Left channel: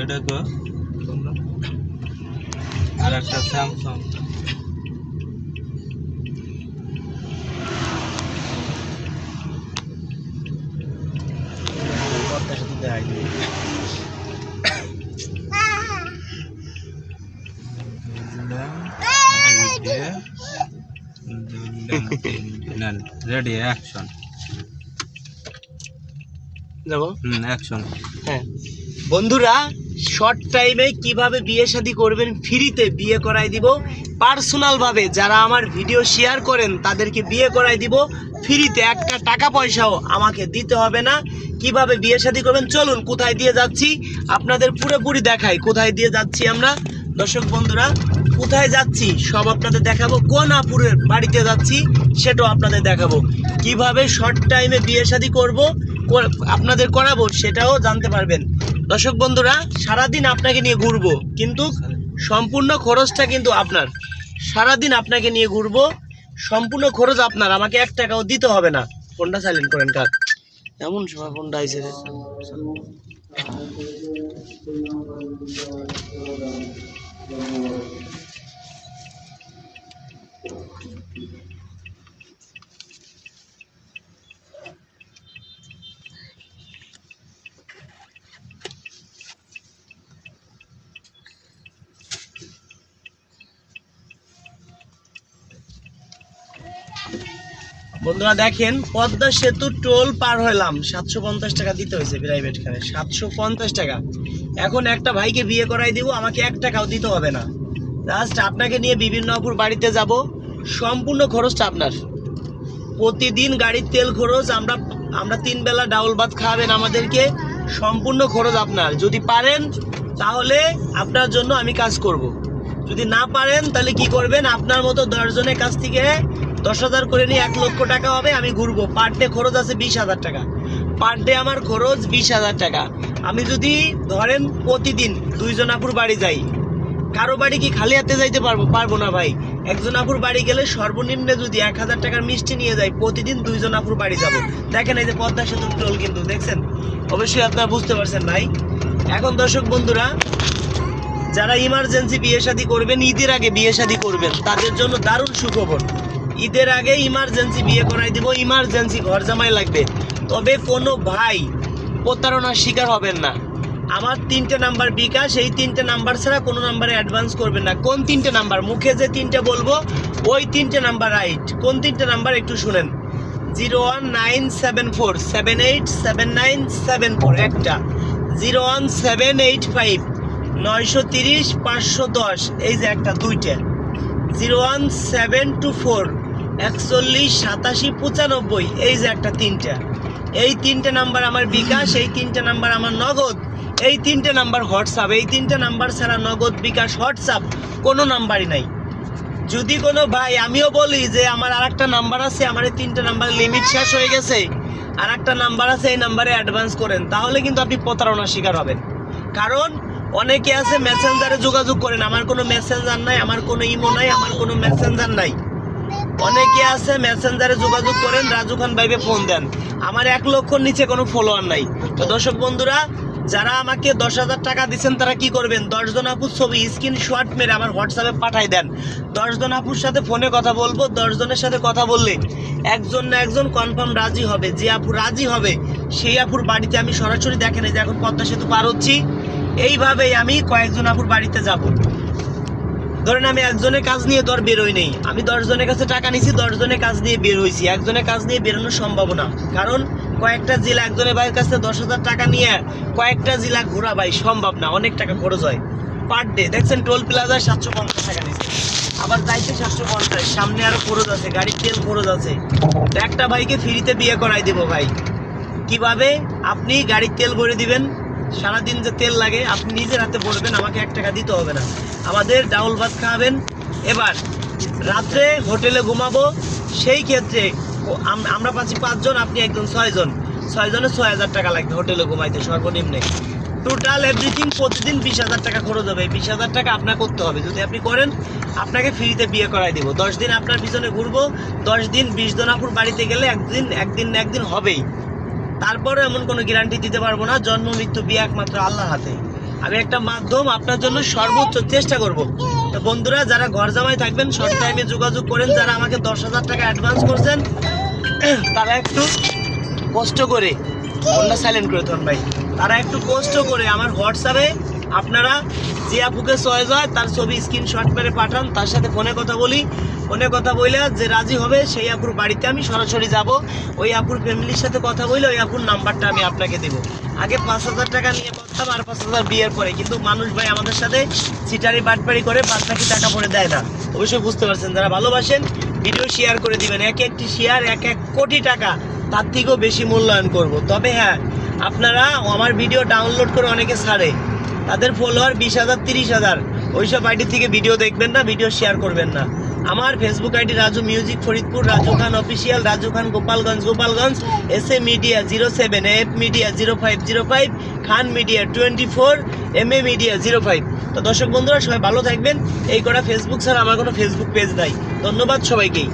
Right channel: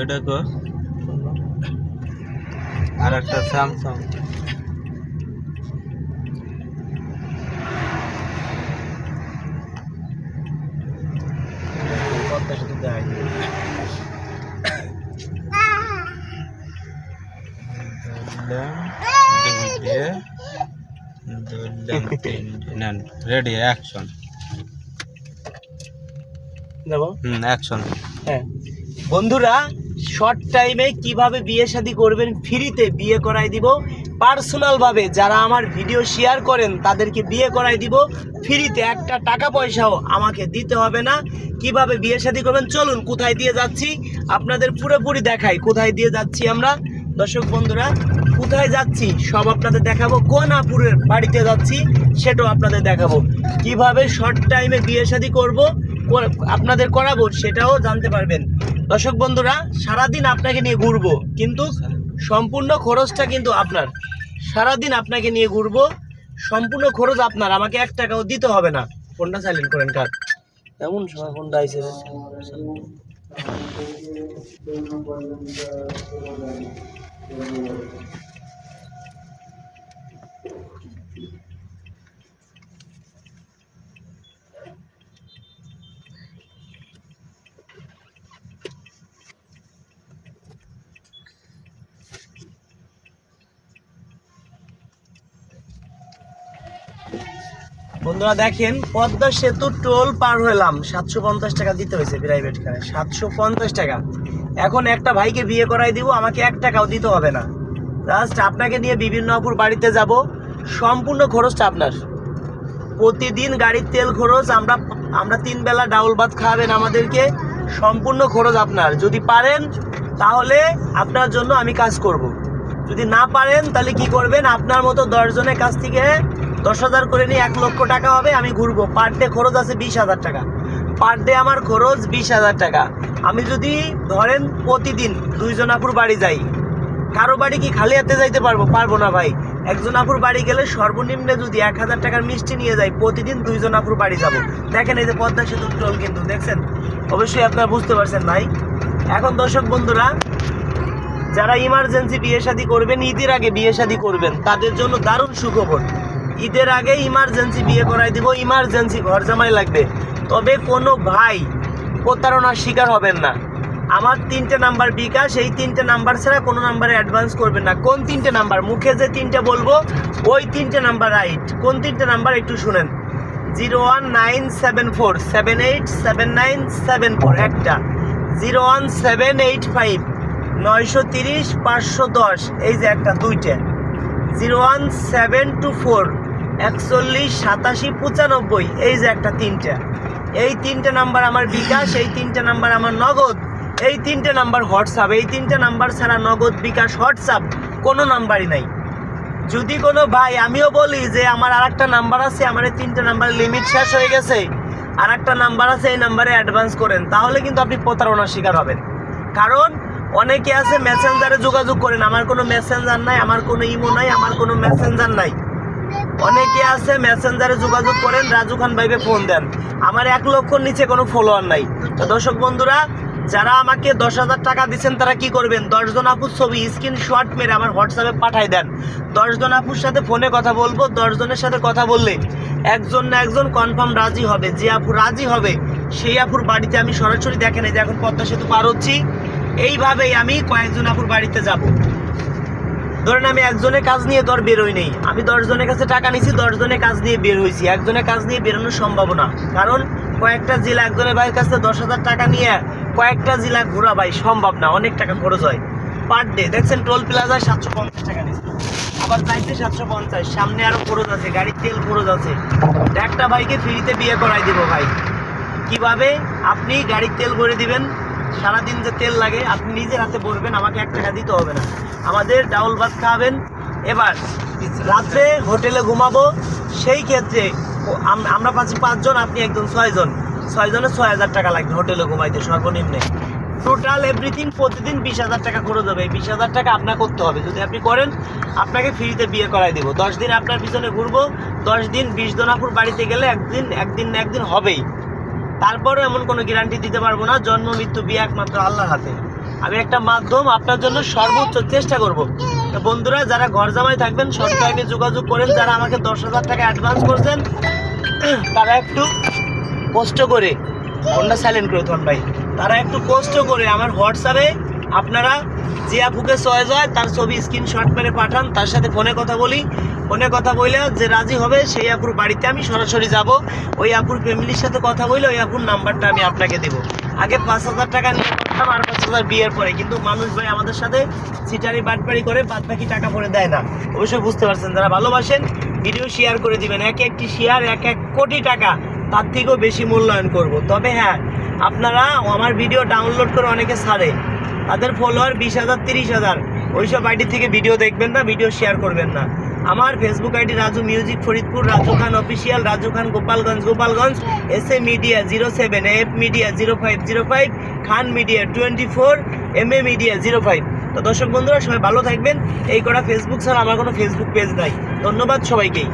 এটা কো আর একটা স্যামসাং পদ্মার সাথে দেখাই দিই। রেডি অ্যাকশন যাবো অ্যাকশন। হ্যাঁ বন্ধুরা, শর্ট টাইমে কিভাবে বিয়ে শাদী করবেন, ফ্রিতে বিয়ে করাই দিব। পার্সোনাল ভাবে যারা আমার ভিডিও শেয়ার করেন তাদেরকে বিয়ে করাই দিব ফ্রিতে, একটা টাকা পয়সাও আমাকে দিতে হবে না। কিভাবে বিয়ে শাদী করবেন চলুন কোথায় দিয়ে যাচ্ছি আপনাদের পুরোপুরি দেখাই। কোথায় দিয়ে যাচ্ছি আমরা দর্শক বন্ধুরা, কোথায় যাচ্ছি সব আপনাদের দেখাবো। কোন আপুরের বাড়িতে যাচ্ছি সেটাও আপনাদের দেখাবো। কিভাবে শর্ট টাইমে বিয়ে শাদী করবো আপনাদের করাবো সেটাও জানতে পারবেন। দর্শক বন্ধুরা, সারাদিন আপনাকে নিয়ে ঘুরবো, কিন্তু সম্পূর্ণ খরচটা কিন্তু আপনার। সারাদিন আপনাকে নিয়ে ঘুরবো, সম্পূর্ণ খরচ আপনার, আমাকে 1 টাকাও দিতে হবে না। ফোনটা সাইলেন্ট করেন কাক, এমন সময় ফোনটা আইছে রে। বন্ধুরা দেখেন, পদ্মা সেতু টোল পার হলাম, 750 টাকা দিতে হয়েছে প্রাইভেট কারে, 750 টাকা। এখন একটা ভাইকে বিয়ে করাই দিব, আমাকে 1 টাকাও দিতে হবে না। জাস্ট আপনাকে নিয়ে বিভিন্ন অপুর বাড়িতে যাব, সম্পূর্ণ খরচটা আপনার। প্রতিদিন গাড়ির তেল খরচ, আমরা 3 বেলা ডাউল ভাত খাওয়াবেন আমাদেরকে, সম্পূর্ণ খরচ আপনার। যদি পারেন তাহলে আপনার জন্য আমি কাজ করব, যদি না পারেন তাহলে কি করবেন, আপনার মতো 10 জনের কাছ থেকে 10,000 করে নিয়ে 1 লক্ষ টাকা হবে, আমি ঘুরবো। পার ডে খরচ আছে 20,000 টাকা, পার ডে আমার খরচ 20,000 টাকা। আমি যদি ধরেন প্রতিদিন 2 জন আপুর বাড়ি যাই, কারো বাড়ি কি খালি হাতে যাইতে পারবো না ভাই। একজন আপুর বাড়ি গেলে সর্বনিম্ন যদি 1000 টাকার মিষ্টি নিয়ে যাই, প্রতিদিন 2 জন আপুর বাড়ি যাব। দেখেন এই যে পদ্মা সেতু টোল কিন্তু দেখছেন, অবশ্যই আপনারা বুঝতে পারছেন ভাই। এখন দর্শক বন্ধুরা, যারা ইমার্জেন্সি বিয়ে শাদী করবেন, ঈদের আগে বিয়ে শাদী করবেন, তাদের জন্য দারুণ সুখবর। ঈদের আগে ইমার্জেন্সি বিয়ে করাই দিব, ইমার্জেন্সি ঘর জামাই লাগবে। তবে কোনো ভাই প্রতারণার শিকার হবেন না। আমার 3টে নাম্বার বিকাশ, এই 3টে নাম্বার ছাড়া কোনো নাম্বারে অ্যাডভান্স করবেন না। কোন 3টে নাম্বার, মুখে যে 3টে বলবো ওই 3টে নাম্বার রাইট। কোন 3টে নাম্বার একটু শুনেন, 01974787974 একটা, 01785930510, এই যে একটা, 2টে, 01724418795, এই যে একটা, 3টে। এই 3টে নাম্বার আমার বিকাশ, এই 3টে নাম্বার আমার নগদ, এই 3টে নাম্বার হোয়াটসঅ্যাপ। এই 3টে নাম্বার ছাড়া নগদ, বিকাশ, হোয়াটসঅ্যাপ কোনো নাম্বারই নাই। যদি কোনো ভাই, আমিও বলি যে আমার আরেকটা নাম্বার আছে, আমার এই 3টে নাম্বারের লিমিট শেষ হয়ে গেছে, আরেকটা নাম্বার আছে, এই নাম্বারে অ্যাডভান্স করেন, তাহলে কিন্তু আপনি প্রতারণার শিকার হবেন। কারণ অনেকে আছে মেসেঞ্জারে যোগাযোগ করেন, আমার কোনো মেসেঞ্জার নাই, আমার কোনো ইমো নাই, আমার কোনো মেসেঞ্জার নাই। অনেকে আছে মেসেঞ্জারে যোগাযোগ করেন, রাজু খান ভাইবে ফোন দেন, আমার 1 লক্ষর নিচে কোনো ফলোয়ার নাই। তো দর্শক বন্ধুরা, যারা আমাকে 10,000 টাকা দিচ্ছেন তারা কি করবেন, 10 জন আপুর ছবি স্ক্রিনশট মেরে আমার হোয়াটসঅ্যাপে পাঠাই দেন। 10 জন আপুর সাথে ফোনে কথা বলবো, 10 জনের সাথে কথা বললে একজন না একজন কনফার্ম রাজি হবে। যে আপু রাজি হবে সেই আপুর বাড়িতে আমি সরাসরি, দেখেন এই যে এখন পদ্মা সেতু পার হচ্ছি, এইভাবেই আমি কয়েকজন আপুর বাড়িতে যাব। ধরেন আমি একজনের কাজ নিয়ে তো আর বেরোই নেই, আমি 10 জনের কাছে টাকা নিছি, 10 জনের কাজ নিয়ে বের হয়েছি। একজনের কাজ নিয়ে বেরোনোর সম্ভাবনা, কারণ কয়েকটা জেলা একজনের ভাইয়ের কাছে 10,000 টাকা নিয়ে কয়েকটা জেলা ঘোরা ভাই সম্ভব না, অনেক টাকা খরচ হয় পার ডে। দেখছেন টোল প্লাজায় 750 টাকা নিচ্ছে, আবার যাইতে 750, সামনে আরো খরচ আছে, গাড়ির তেল খরচ আছে। একটা ভাইকে ফ্রিতে বিয়ে করাই দিব ভাই। কিভাবে, আপনি গাড়ির তেল ভরে দিবেন, সারাদিন যে তেল লাগে আপনি নিজের হাতে বসবেন, আমাকে 1 টাকা দিতে হবে না। আমাদের ডাউল ভাত খাওয়াবেন, এবার রাত্রে হোটেলে ঘুমাবো, সেই ক্ষেত্রে আমরা পাচ্ছি 5 জন, আপনি একজন 6 জন, 6 জনের 6,000 টাকা লাগবে হোটেলে ঘুমাইতে সর্বনিম্নে। টোটাল এভরিথিং প্রতিদিন 20,000 টাকা খরচ হবে। 20,000 টাকা আপনার করতে হবে, যদি আপনি করেন আপনাকে ফ্রিতে বিয়ে করাই দেবো। 10 দিন আপনার পিছনে ঘুরবো, 10 দিন 20 জনাপুর বাড়িতে গেলে একদিন না একদিন হবেই। তারপরে এমন কোনো গ্যারান্টি দিতে পারবো না। জন্ম মৃত্যু বিয়ে একমাত্র আল্লাহর হাতে। আমি একটা মাধ্যম, আপনার জন্য সর্বোচ্চ চেষ্টা করব। তো বন্ধুরা, যারা ঘর জামাই থাকবেন শর্ট টাইমে যোগাযোগ করেন। যারা আমাকে 10,000 টাকা অ্যাডভান্স করছেন তারা একটু কষ্ট করে, ফোনটা সাইলেন্ট করে থন ভাই, তারা একটু কষ্ট করে আমার হোয়াটসঅ্যাপে আপনারা যে আপুকে চয়েস হয় তার ছবি স্ক্রিনশট করে পাঠান, তার সাথে ফোনে কথা বলি। ফোনে কথা বলে যে রাজি হবে সেই আপুর বাড়িতে আমি সরাসরি যাব। ওই আপুর ফ্যামিলির সাথে কথা বলে ওই আপুর নাম্বারটা আমি আপনাকে দেবো। আগে 5,000 টাকা নিয়ে করতাম, আর 5,000 বিয়ের পরে। কিন্তু মানুষ ভাই আমাদের সাথে চিটারি বাটপাড়ি করে বাদ বাকি টাকা পরে দেয় না। অবশ্যই বুঝতে পারছেন। যারা ভালোবাসেন ভিডিও শেয়ার করে দিবেন। এক একটি শেয়ার 1 কোটি টাকা, তার থেকেও বেশি মূল্যায়ন করব। তবে হ্যাঁ, আপনারা আমার ভিডিও ডাউনলোড করে অনেকে ছাড়ে, তাদের ফলোয়ার 20,000 30,000, ওইসব আইডি থেকে ভিডিও দেখবেন না, ভিডিও শেয়ার করবেন না। আমার Facebook ID Raju music Faridpur, Raju Khan official, Raju Khan Gopalganj, SA media 07, AF media 0505, Khan media 24, MA media 05। তো দর্শক বন্ধুরা, সবাই ভালো থাকবেন। এই করা ফেসবুক ছাড়া আমার কোনো ফেসবুক পেজ নাই। ধন্যবাদ সবাইকেই।